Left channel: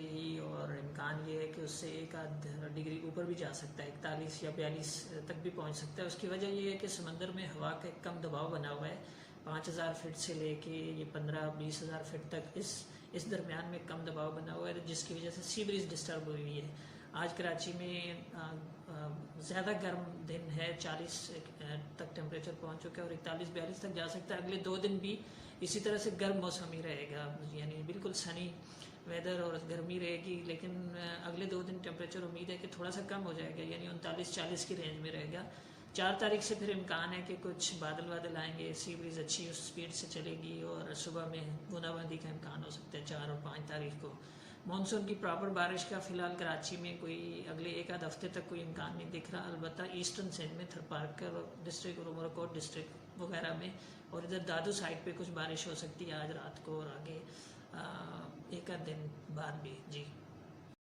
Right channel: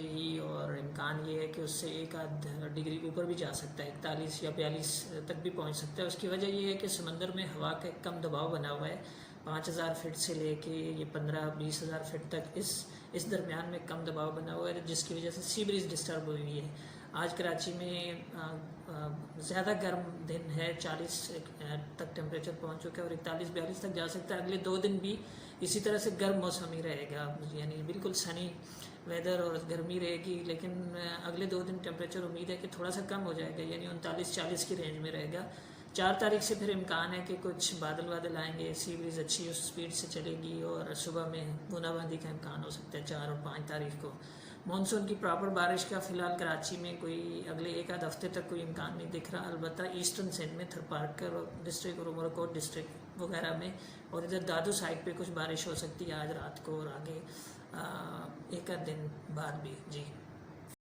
जाएगी और इम्कान ये है कि उससे एक आध डिग्री ऊपर भी जा सकता है, 41 या 42 तक भी पहुंच सकता है। उसकी वजह ये है कि समंदर में हवा का कम दबाव बना हुआ है, 5000 फीट से लेके ये 15-20 हज़ार फीट तक इस दरमियान में कम दबाव बना हुआ है, जिसकी वजह से सी ब्रीज डिस्टर्ब हुई हुई है। आज कराची में ज़्यादा गर्म दिन है, 40 तक टेम्परेचर पहुंच चुका है और 41-42 तक जा सकता है। अगले 2 दिन भी इसी तरह से गर्म मौसम ही रहेगा, यानी बिल्कुल सनी वेदर और गर्मी रहेगी। लेकिन अगले 2 दिन टेम्परेचर उम्मीद है कि थोड़ा सा कम हो जाएगा, यानी 39-40 की रेंज में रहेगा। 4 तारीख से फिर इम्कान है कि कुछ बादल आएंगे, सी ब्रीज अच्छी उस स्पीड से चलेगी और सुबह में बूंदाबांदी का इम्कान हो सकता है 4 और 5 तारीख को। मानसून की प्रॉपर बारिश का फ़िलहाल कराची में कोई अगले एक आध हफ्ते तक कोई इम्कान नहीं दिख रहा। अलबत्ता ईस्टर्न सिंध में थरपारकर डिस्ट्रिक्ट और उमरकोट डिस्ट्रिक्ट वगैरह में और इधर दादू साइड पे कुछ बारिश हो सकती है आज रात को और आगे एक आध दिन बाद भी। जी।